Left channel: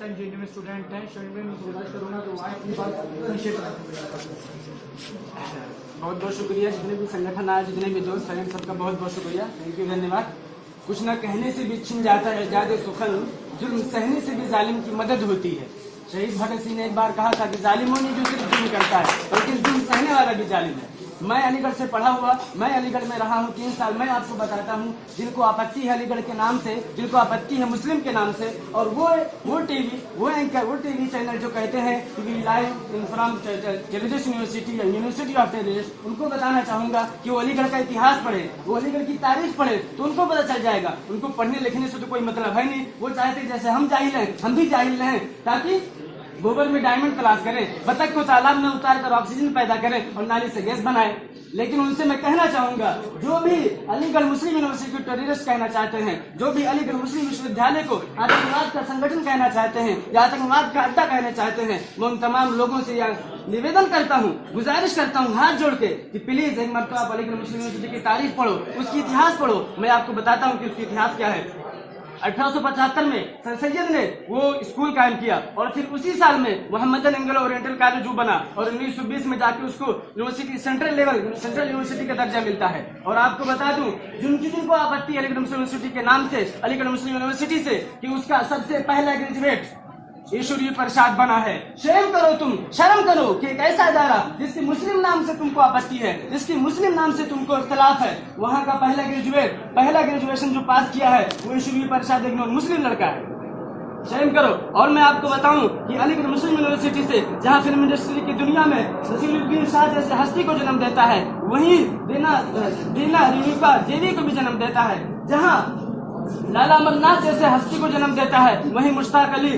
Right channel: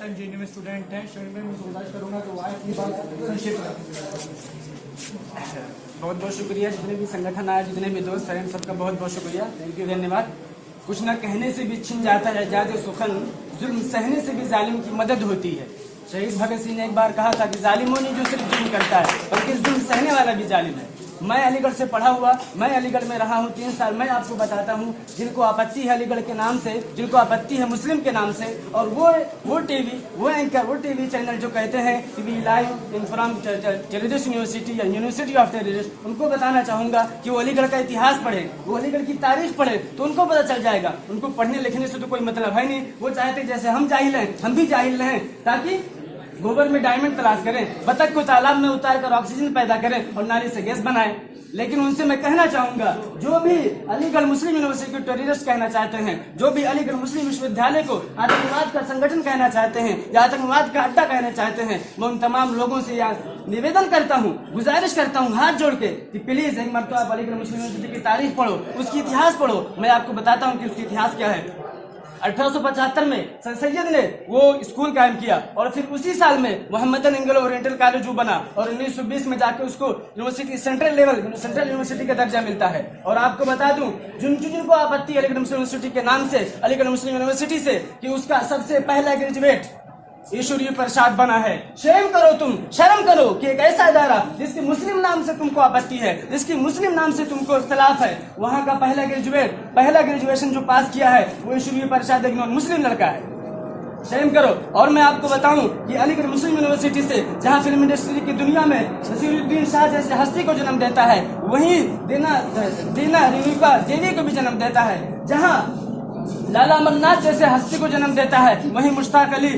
Time JNU में student हैं, student में गुजारिश करूँगा तो वहाँ अपनी बात संक्षेप में। बहुत बहुत शुक्रिया जितने भी संगठन आए, जितने भी दोस्त हैं, सबका बहुत बहुत शुक्रिया, थैंक यू, धन्यवाद। कुछ न कहने से भी छिन जाता है जादे सुखन, जुल्म सहने से भी जालिम की मदद होती है। शहीद भगत सिंह ने एक बार कहा था कि जालिमों ने जो सिर्फ जुल्म करता है, बल्कि जुल्म सहने वाला भी जालिम है। मैं अलीगढ़ से पढ़ा हुआ, मैं अलीगढ़ में रहा हूँ 3 साल। मैं आपको बताता हूँ, जिनको आपत्ति है अलीगढ़ के नाम से, जिनको आपत्ति है मुस्लिम के नाम से, और वो टीवी, वो एंकर, वो टीवी चैनल जो कहते हैं कि we live in from terrorist university या यूनिवर्सिटी ऑफ टेररिस्ट, उनको बताना चाहूंगा कि वो अलीगढ़ का इतिहास पढ़े, वो अलीगढ़ की तारीख पढ़े, तो उनको पता चल जाएगा। उनको पढ़ने लिखने से तो कोई मतलब है नहीं। वो चाहते जैसे हम जाहिल हैं, हम भी जाहिल हैं, ताकि गोबर में डायमंड तलाश करें, बतख को तालाब में उतार कर ऑक्सीजन पैदा करें और नाली से गैस बनाएं। लेकिन उनसे मैं कहना चाहूंगा, जो भी अलीगढ़ मुस्लिम यूनिवर्सिटी को टेररिस्ट कहना चाहते हैं, जो भी अलीगढ़ मुस्लिम विश्वविद्यालय को आतंकवाद का संगठन कहना चाहते हैं या आतंकवाद का अड्डा कहना चाहते हैं, मैं उन तमाम लोगों से निवेदन करता हूँ, गुजारिश करता हूँ हाथ जोड़ के कि प्लीज एक मरतबा आप अलीगढ़ मुस्लिम यूनिवर्सिटी की तारीख पढ़ो, उसकी इतिहास पढ़ो। मैं आपको बताता हूँ कि उसकी इतिहास क्या है। 1875 में सर सैयद ने वो स्कूल कायम किया और फिर उसी साल में मोहम्मदन एंग्लो ओरिएंटल कॉलेज बना और 1920 में जाके उसको यूनिवर्सिटी सेंट्रल यूनिवर्सिटी का दर्जा मिलता है। और आपको बता दूं, जिनको आपत्ति अलीगढ़ मुस्लिम यूनिवर्सिटी के नाम से, अलीगढ़ मुस्लिम यूनिवर्सिटी से, कि उसका सबसे पहला ग्रेजुएट ईश्वरीय प्रसाद बना है। शर्म करो, तुम शर्म करो कि एक ऐसा इदारा जिसके मुस्लिम नाम से तुमको आपत्ति है, जिसकी मुस्लिम नाम से तुमको इख्तिलाफ है, वहाँ का पहला ग्रेजुएशन जो पास किया है वो ईश्वरीय प्रसाद एक मुस्लिम लड़का है। शर्म करो। और मैं आपको बताऊं कि अलीगढ़ मुस्लिम यूनिवर्सिटी से, जहां फिल्म इंडस्ट्री की दुनिया में नसीरुद्दीन शाह जैसे हस्ती को जन्म देता है, वहीं दीना रिनीफा देवी को भी जन्म देता है। जहां लाला अमरनाथ जैसे हस्ती को जन्म देता है, वहीं मुश्ताक अली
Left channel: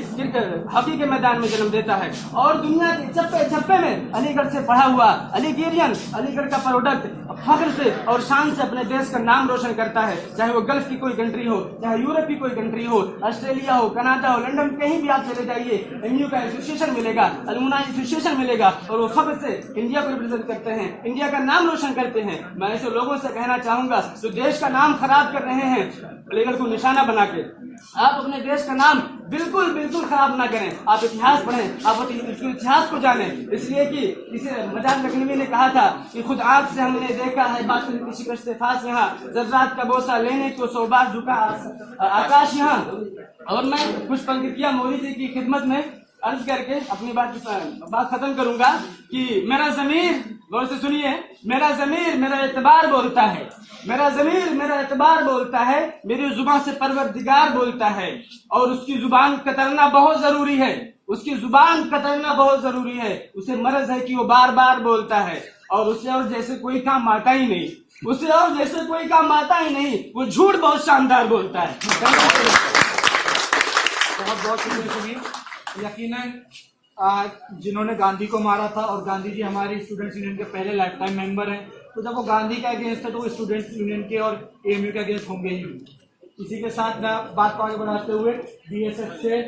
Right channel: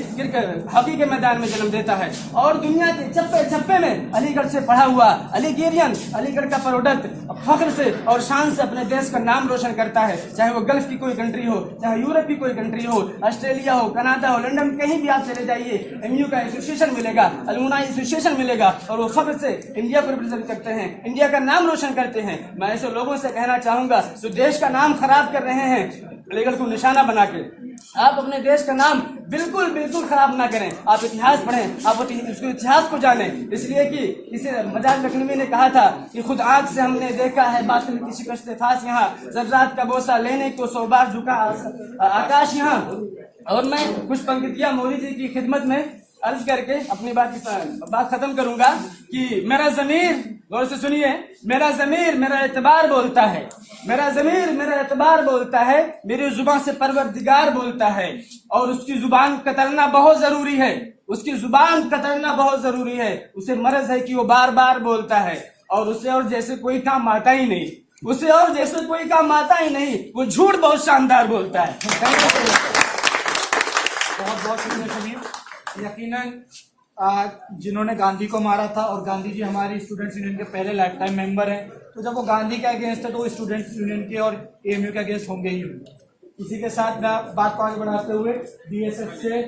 हॉकी के मैदान में जन्म देता है। और दुनिया के चप्पे चप्पे में अलीगढ़ से पढ़ा हुआ अलीगेरियन अलीगढ़ का प्रोडक्ट फख्र से और शान से अपने देश का नाम रोशन करता है। चाहे वो गल्फ की कोई कंट्री हो, चाहे यूरोप की कोई कंट्री हो, ऑस्ट्रेलिया हो, कनाडा हो, लंदन, कहीं भी आप चले जाइए, एमयू का एसोसिएशन मिलेगा, अलुमनाई एसोसिएशन मिलेगा, और वो फख्र से इंडिया को रिप्रेजेंट करते हैं, इंडिया का नाम रोशन करते हैं। मैं ऐसे लोगों से कहना चाहूंगा जो देश का नाम खराब कर रहे हैं अलीगढ़ को निशाना बना के, आप अपने देश का नाम बिल्कुल खराब ना करें। आप इतिहास पढ़ें, आप इसके इतिहास को जानें। इसलिए कि किसी मजाज लखनवी ने कहा था कि खुद आंख से हमने देखा है बातिल की शिकस्त फास यहाँ, जर्रात का बोसा लेने को 100 बार झुका आकाश यहाँ। और मैं कुछ पंक्तियां मौलवी जी की खिदमत में अर्ज करके अपनी बात खत्म करूंगा कि मेरा ज़मीर, गौर से सुनिए, मेरा ज़मीर मेरा एतबार बोलता है, मेरा ज़मीर मेरा एतबार बोलता है, मेरी जुबान से परवरदिगार बोलता है, और उसकी जुबान कतरना बहुत जरूरी है, उसकी जुबान कतरना बहुत जरूरी है। उसे मर्ज है कि वो बार बार बोलता है, और उसे और जैसे कोई काम आता ही नहीं, उसे और जैसे कोई काम आता ही नहीं, वो झूठ बहुत शानदार बोलता है। बहुत बहुत शुक्रिया सभी। यकीनन जिन्होंने गांधी को मारा था, और गांधी जी हमारी स्टूडेंट्स यूनियन के पहले लाइफ टाइम मेंबर हैं, तो जब वो गांधी के अगेंस्ट है तो वो स्टूडेंट्स यूनियन के और एएमयू के अगेंस्ट होंगे ही होंगे। इसी के साथ मैं बात को आगे बढ़ाते हुए बीएसएफ से